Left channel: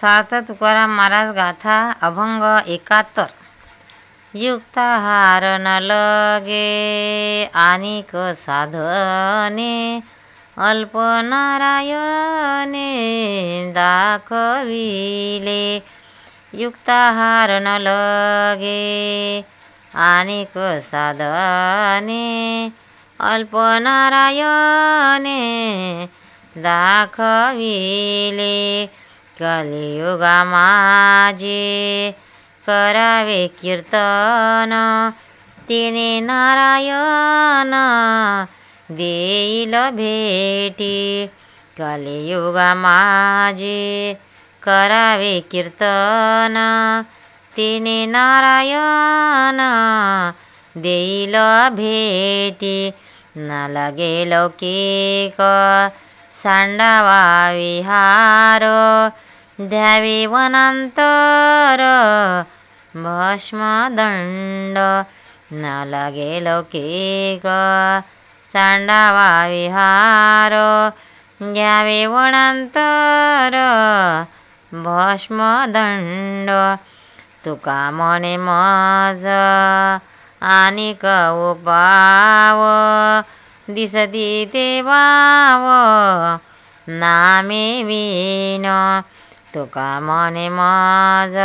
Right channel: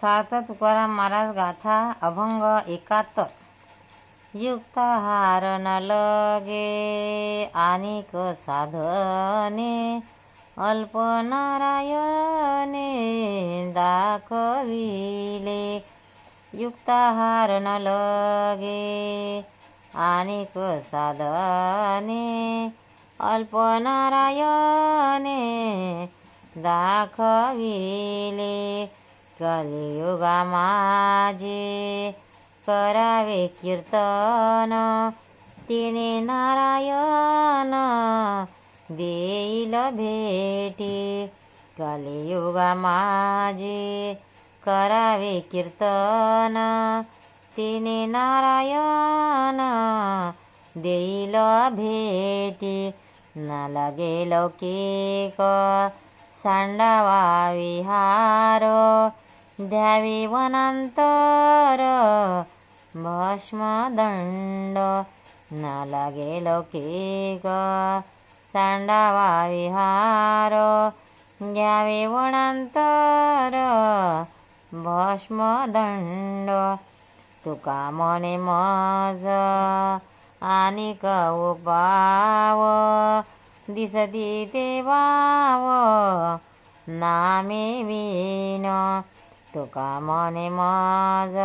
सार्थ तुकाराम महाराज गाथा अभंग 71. युक्ताहार न लगे आनिक साधने अल्प नारायणे दाखविले. युक्ताहार न लगे आनिक साधने अल्प नारायणे दाखविले. कलियुगा माझे करावे कीर्तन तिने नारायण देईल भेटी. कलियुगा माझे करावे कीर्तन तिने नारायण देईल भेटी. न लगे लौकिक सांडावा विहार द्यावे वनांतर भस्मदंड. न लगे लौकिक सांडावा विहार द्यावे वनांतर भस्मदंड. तुका म्हणे मज आनिक उपाव दिसती ते वाव नामे विन. तुका म्हणे मज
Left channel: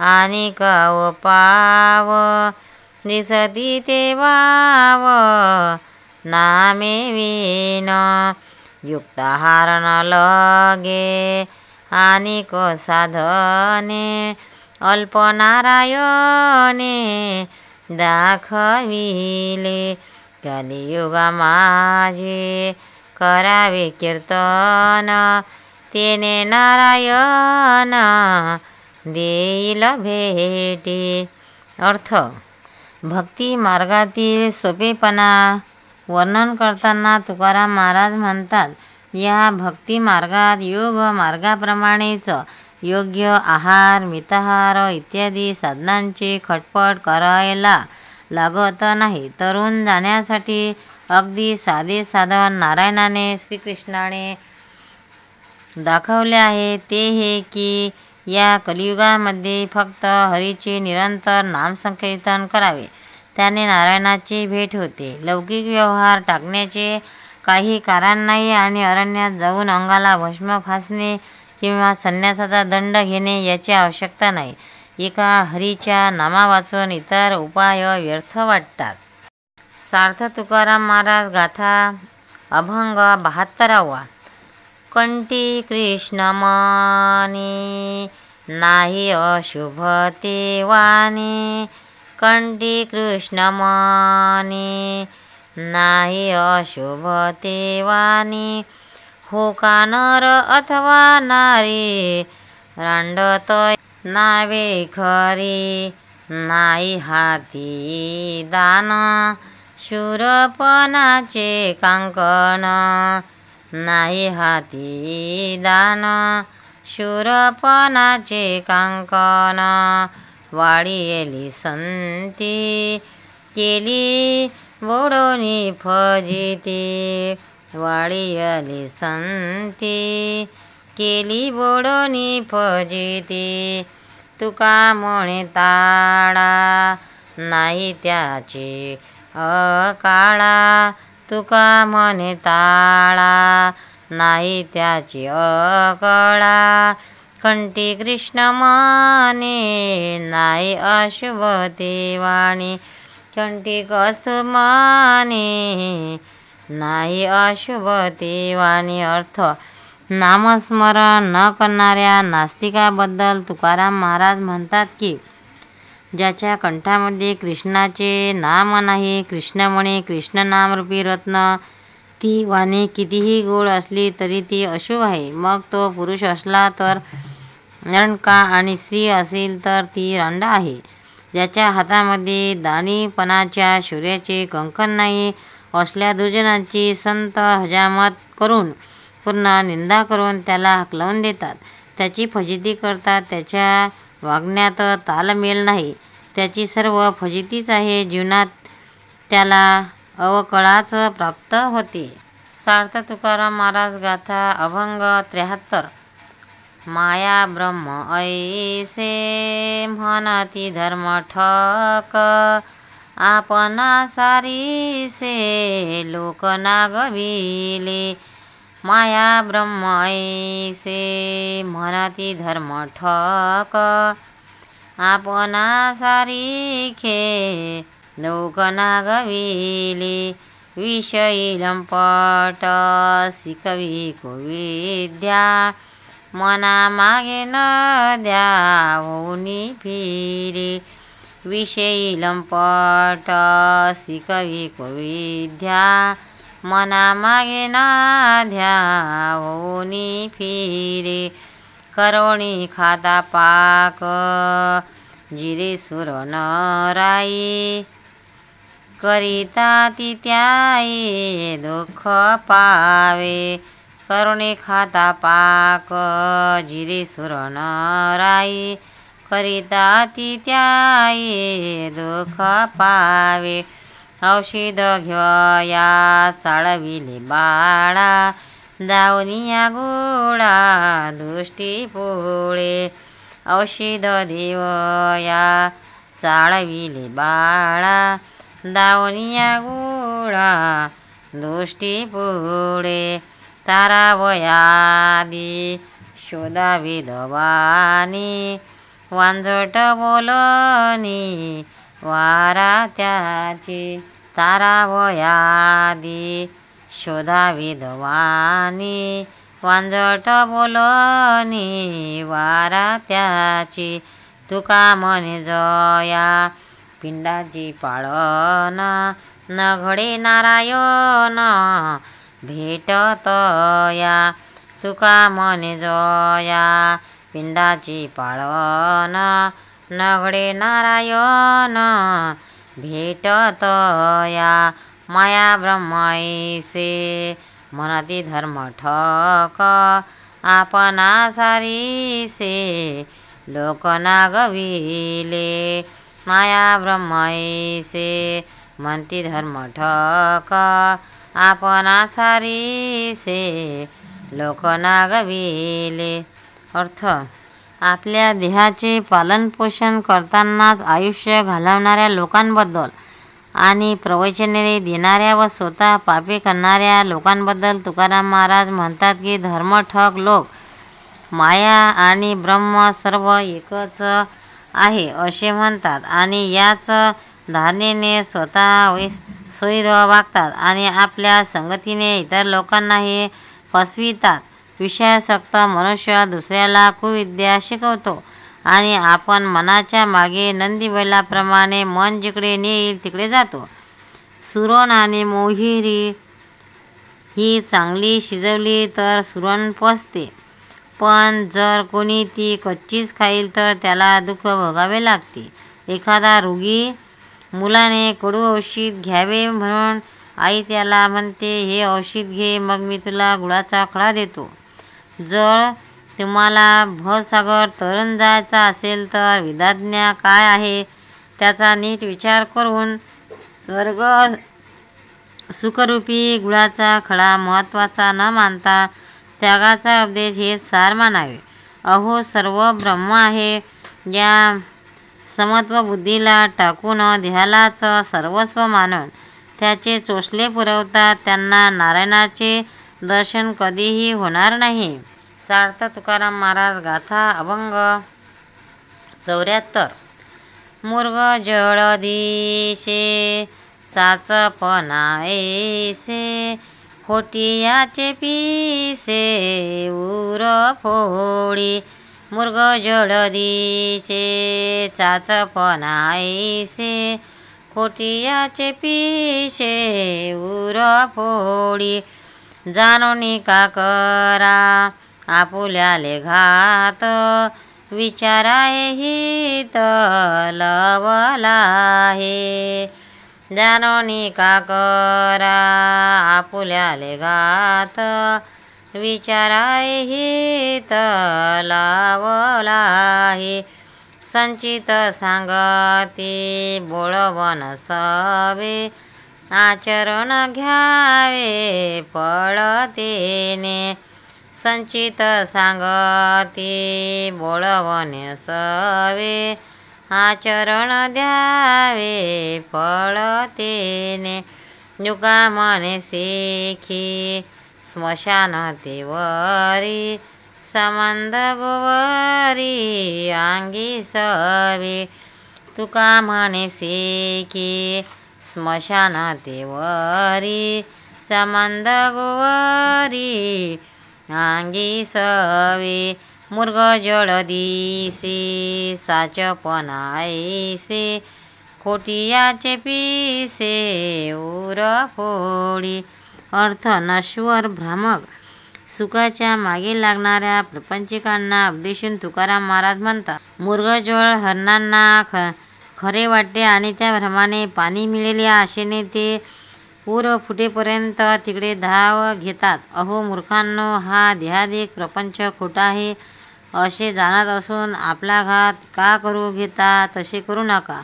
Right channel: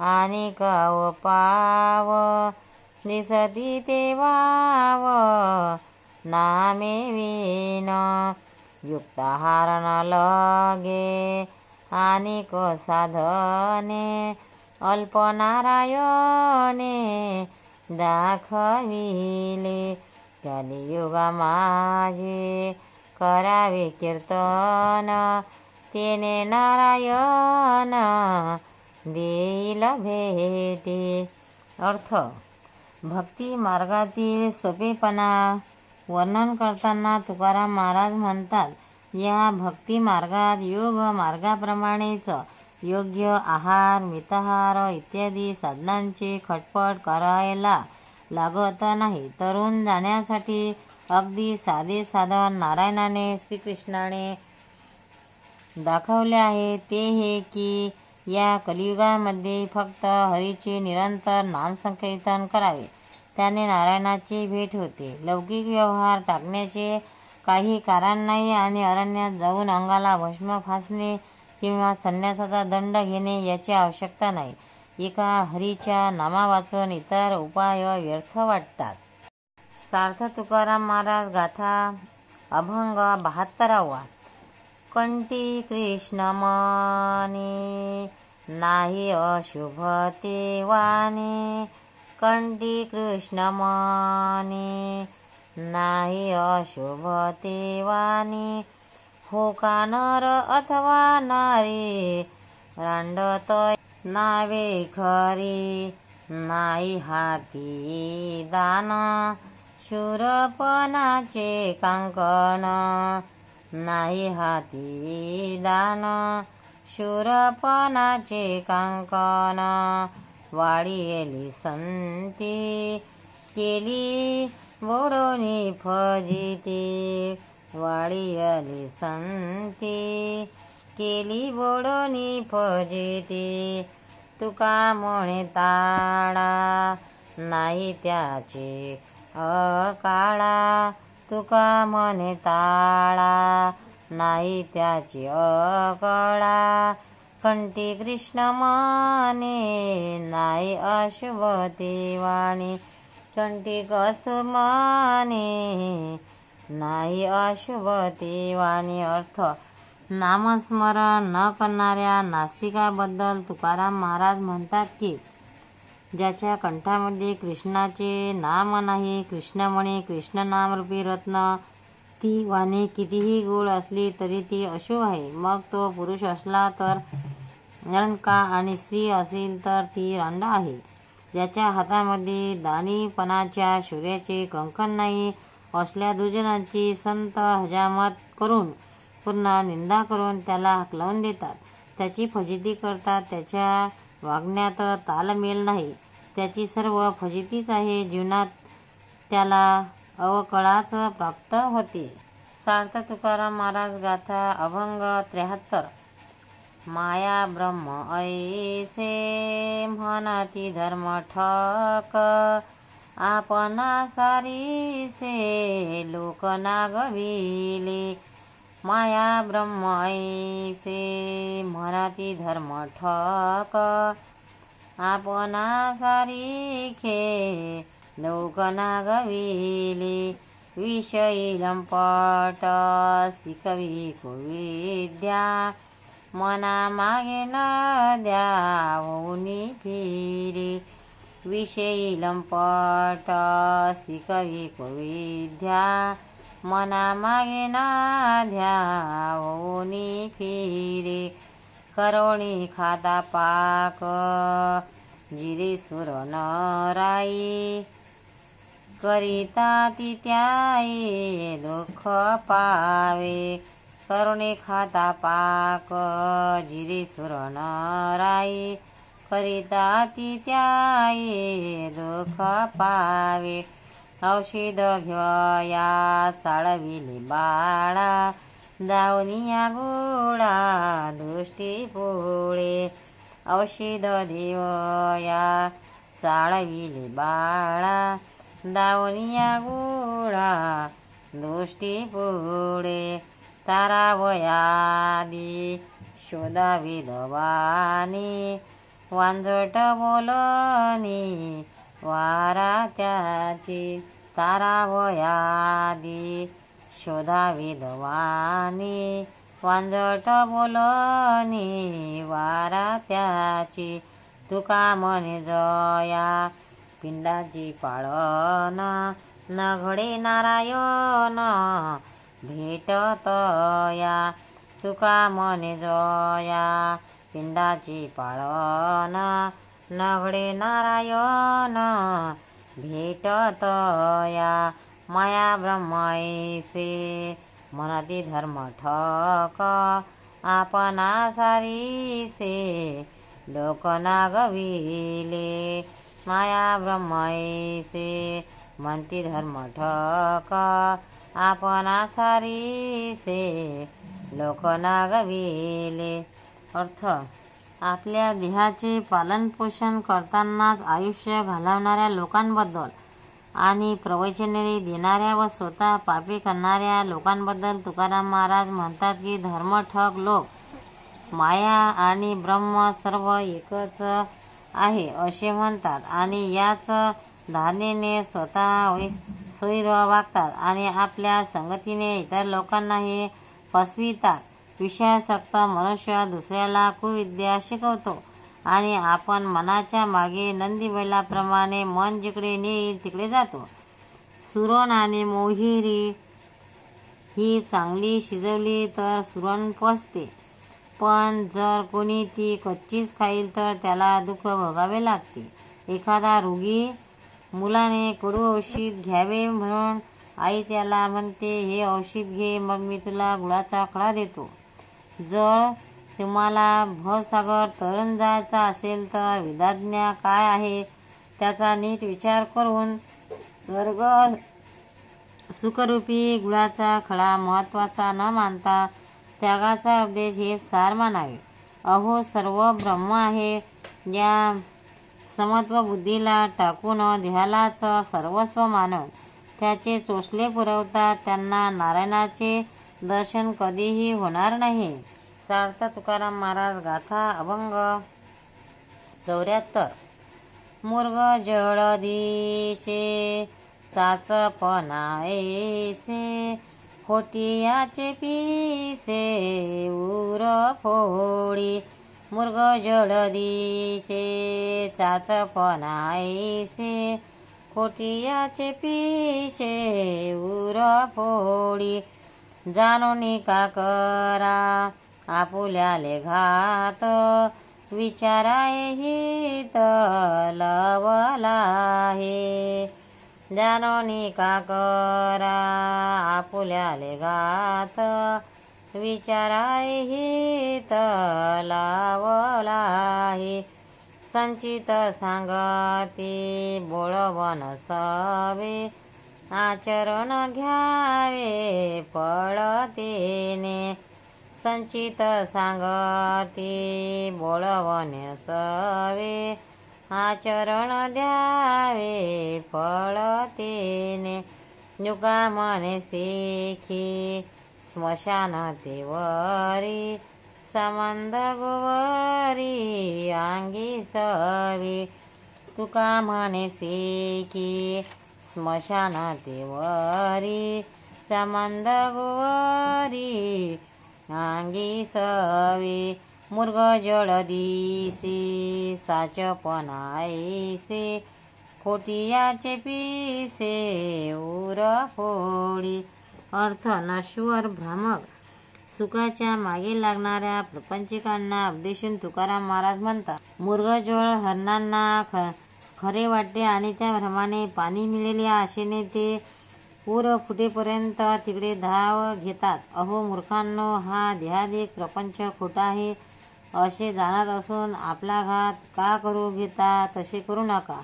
आनिक उपाव दिसती ते वाव नामे विन. युक्ताहार न लगे आनिक साधने अल्प नारायणे दाखविले. कलियुगा माझे करावे कीर्तन तेने नारायण देईल भेटी. अर्थ. भक्ती मार्गातील सोपेपणा वर्णन करताना तुकाराम महाराज म्हणतात, या भक्ती मार्गात योग मार्गाप्रमाणेच योग्य आहार मिताहार इत्यादी साधनांची खटपट करायला लागत नाही. तरुण जाण्यासाठी अगदी साधे साधन नारायणाने श्रीकृष्णाने दाखवले आहे. ते हे की या कलियुगामध्ये फक्त हरीचे निरंतर नामसंकीर्तन करावे, त्याने नारायणाची भेट होते. लौकिक व्यवहार टाकण्याचे काही कारण नाही आणि अरण्यात जाऊन अंगाला भस्म फासणे किंवा संन्यासाचा दंड घेणे याची आवश्यकता नाही. एका हरीच्या नामावाचून इतर उपाय व्यर्थ वाटतात. सार्थ तुकाराम महाराज गाथा अभंग 72. कंठी कृष्ण मनी नाही अशुभ ते वाणी. कंठी कृष्ण मनी नाही अशुभ ते वाणी. हो का नर अथवा नारी रांडत नावे खरी. नाही हाती दान शूरपणाचे कांकण. नाही हाती दान शूरपणाचे कांकण. वाढीली संती केली बोडोनी फजिती. वाढीली संती केली बोडोनी फजिती. तुका म्हणे ताळा नाही त्याचे अकाळा. तुका म्हणे ताळा नाही त्याची अकळा. कंठी कृष्ण म्हणे नाही अशुभ ते वाणी. कंठी कस्तुभ म्हणे नाही अशुभ ते वाणी. अर्थ. नामस्मरण न करणाऱ्या नास्तिकाबद्दल तुकाराम महाराज म्हणतात की, ज्याच्या कंठामध्ये कृष्णाचे नाम नाही, कृष्ण म्हणे कृष्ण नामरूपी रत्न, ती वाणी कितीही गोड असली तरी ती अशुभ आहे. मग तो पुरुष असला तर रंडका आणि स्त्री असेल तर ती रांड आहे. ज्याच्या हातामध्ये दाणीपणाच्या शौर्याचे कंकण नाही असल्या दुर्जनांची संत हजामत करून पूर्ण निंदा करून त्याला हाकलवून देतात, त्याची फजिती करतात. त्याच्या वागण्यात तालमेल नाही, त्याची सर्व फजितीच आहे. जीवनात त्याला अवकळाच प्राप्त होते. सार्थ तुकाराम महाराज गाथा अभंग 73. माया ब्रह्म ऐसे म्हणती धर्म ठक आपणा सारीसे लोक नागविले माया ब्रह्म ऐसे म्हणती धर्म ठक आपणा सारीखे लोक नागविले विषयी लंपट शिकविको विद्या मना मागे न द्यावोनी फिरे विषयी लंपट शिकविको विद्या मना मागे न द्यावोनी फिरे करोणी खाता पाक जिरे सुर नराई करिता ती त्याई दुःख पावे करुणे खाता पाक जिरे सुर नराई करिता ती त्याई दुःख पावे औषध घेवया चाळविले बाळा दावनिया गोळा दृष्टी पोळे औषध देवया चाळविले बाळा दावनिया गोळा दृष्टी पोळे तारावयादी शोधावी दवानी वांझट बोलनी वारा त्याची तारावयादी शोधावी दवानी वांझट बोलनी वारा त्याची तुका म्हणे जया पिंडाची पाळन न घडे नारायण भेटतया तुका म्हणे जया पिंडाची पाळन न घडे नारायण भेटतया माया ब्रह्मैसे म्हणती धर्म ठक आपणा सारीसे लोक नागविले माया ब्रह्मैसे म्हणती धर्म ठक आपणा सारीसे लोक नागविले. अर्थ आपल्या देहाचे पालनपोषण करतानाच आयुष्य घालवणाऱ्या लोकांबद्दल आणि प्रवचने देणाऱ्या व स्वतः पापे करणाऱ्या लोकांबद्दल तुकाराम महाराज म्हणतात की धर्मठक लोक माया आणि ब्रह्म सर्व एकच आहे असे म्हणतात आणि याच धारणेने स्वतः सोयीर वागतात आणि आपल्या संगतीने इतर लोकांनाही फसवितात. विषयासक्त मनुष्य दुसऱ्याला कुविद्या शिकवतो आणि आपण मनाच्या मागे नंदी बैलाप्रमाणे मन जिकडे नेईल तिकडे जातो. सुरण आणि मोहिरी ही चांगली शिजवली तर सुरण पचते, पण जर कोणी ती कच्चीच खाईल तर त्याला दुःख भोगावे लागते. एखादा रोगी मुलाने कडू औषध घ्यावे म्हणून आई त्याला म्हणते, हे औषध घे, मग मी तुला गुळाचा खडा देतो. जर तुम्हाला भवसागर तरून जायचा असेल तर विधाज्ञा काय आहे त्याचा नीट विचार करून स्वर्ग सुखरूपी गुळाचा खडा महत्त्वाचा न मानता त्यागाचा उपदेश हे सार मानावे. अहो सर्व ब्रह्म आहे या समत्व बुद्धीला टाकून देहालाच सर्वस्व मानून त्याचे चोचले पुरवतात त्यांना नारायणाचे दर्शन कधीही होणार नाही. सार्थ तुकाराम महाराज गाथा अभंग 74. मुर्ग जळ दिशे साचपणा ऐसे खोटियाचे पिसे उर फोडी मुर्ग जळ दिशे साचपणा ऐसे खोटियाचे पिसे उर फोडी जाणोनी का करा आपुल्याले घात विचाराए हित लवला हे जाणोनी का करा आपुल्याले घात विचाराए हित लावला हे संचित सांगती बोळवन सवे आचरण घ्यावे पळतेने संचित सांगती बोलवणे सवे, आचरण द्यावे फळ तेने. तुका म्हणे सेखी स्मशान तेवरी, संबंध गोवरी अंगी सवे. तुका म्हणे सेखी स्मशान तेवरी, संबंध गोवरी अंगी सवे. मृग जळ दिसे साचपण ऐसे, खोटियाचे पिसे उर फोडी. अर्थ नश्वर भ्रामक सुखाच्या मागे लागणाऱ्या प्रपंचिकांना उपदेशून तुकाराम महाराज म्हणतात, मृगजळ हरणांना खरे वाटते आणि त्या भ्रमाने पाणी मिळेल या आशेने ते पूर फुटेपर्यंत तिकडे धाव घेतात. अहो मूर्खांनो, हा देहादिक प्रपंच खोटा आहे असे जाणत असून आपला घात का करू घेता? तसे करू नका.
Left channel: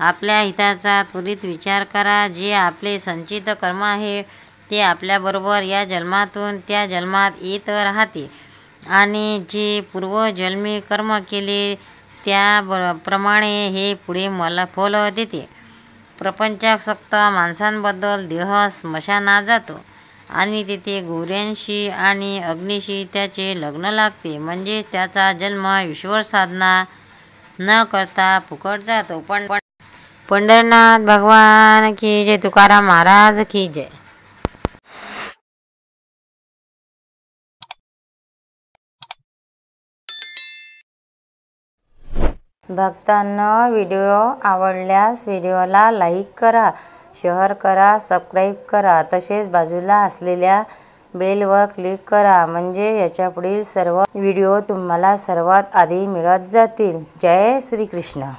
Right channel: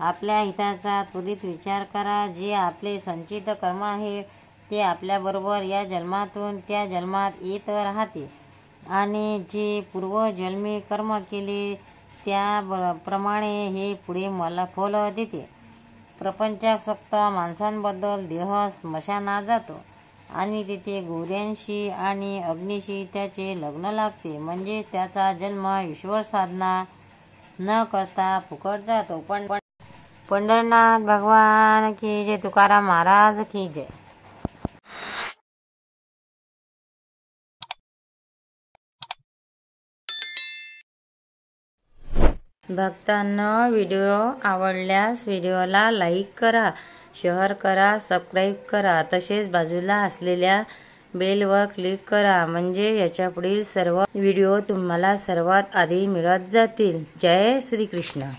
आपल्या हिताचा त्वरित विचार करा. जे आपले संचित कर्म आहे ते आपल्याबरोबर या जन्मातून त्या जन्मात येत राहते आणि जे पूर्वजन्मी कर्म केले त्याप्रमाणे हे पुढे मला फल देते. प्रपंचासक्त माणसांबद्दल देह स्मशानात जातो आणि तिथे गौऱ्यांशी आणि अग्नीशी त्याचे लग्न लागते. म्हणजेच त्याचा जन्म ईश्वर साधना न करता फुकट जातो. पंढरनाथ भगवान की जय. तुकाराम महाराज की जय. भक्तांनो, व्हिडिओ आवडल्यास व्हिडिओला लाईक करा, शेअर करा, सबस्क्राईब करा. तसेच बाजूला असलेल्या बेलवर क्लिक करा, म्हणजे याच्यापुढील सर्व व्हिडिओ तुम्हाला सर्वात आधी मिळत जातील. जय श्री कृष्ण.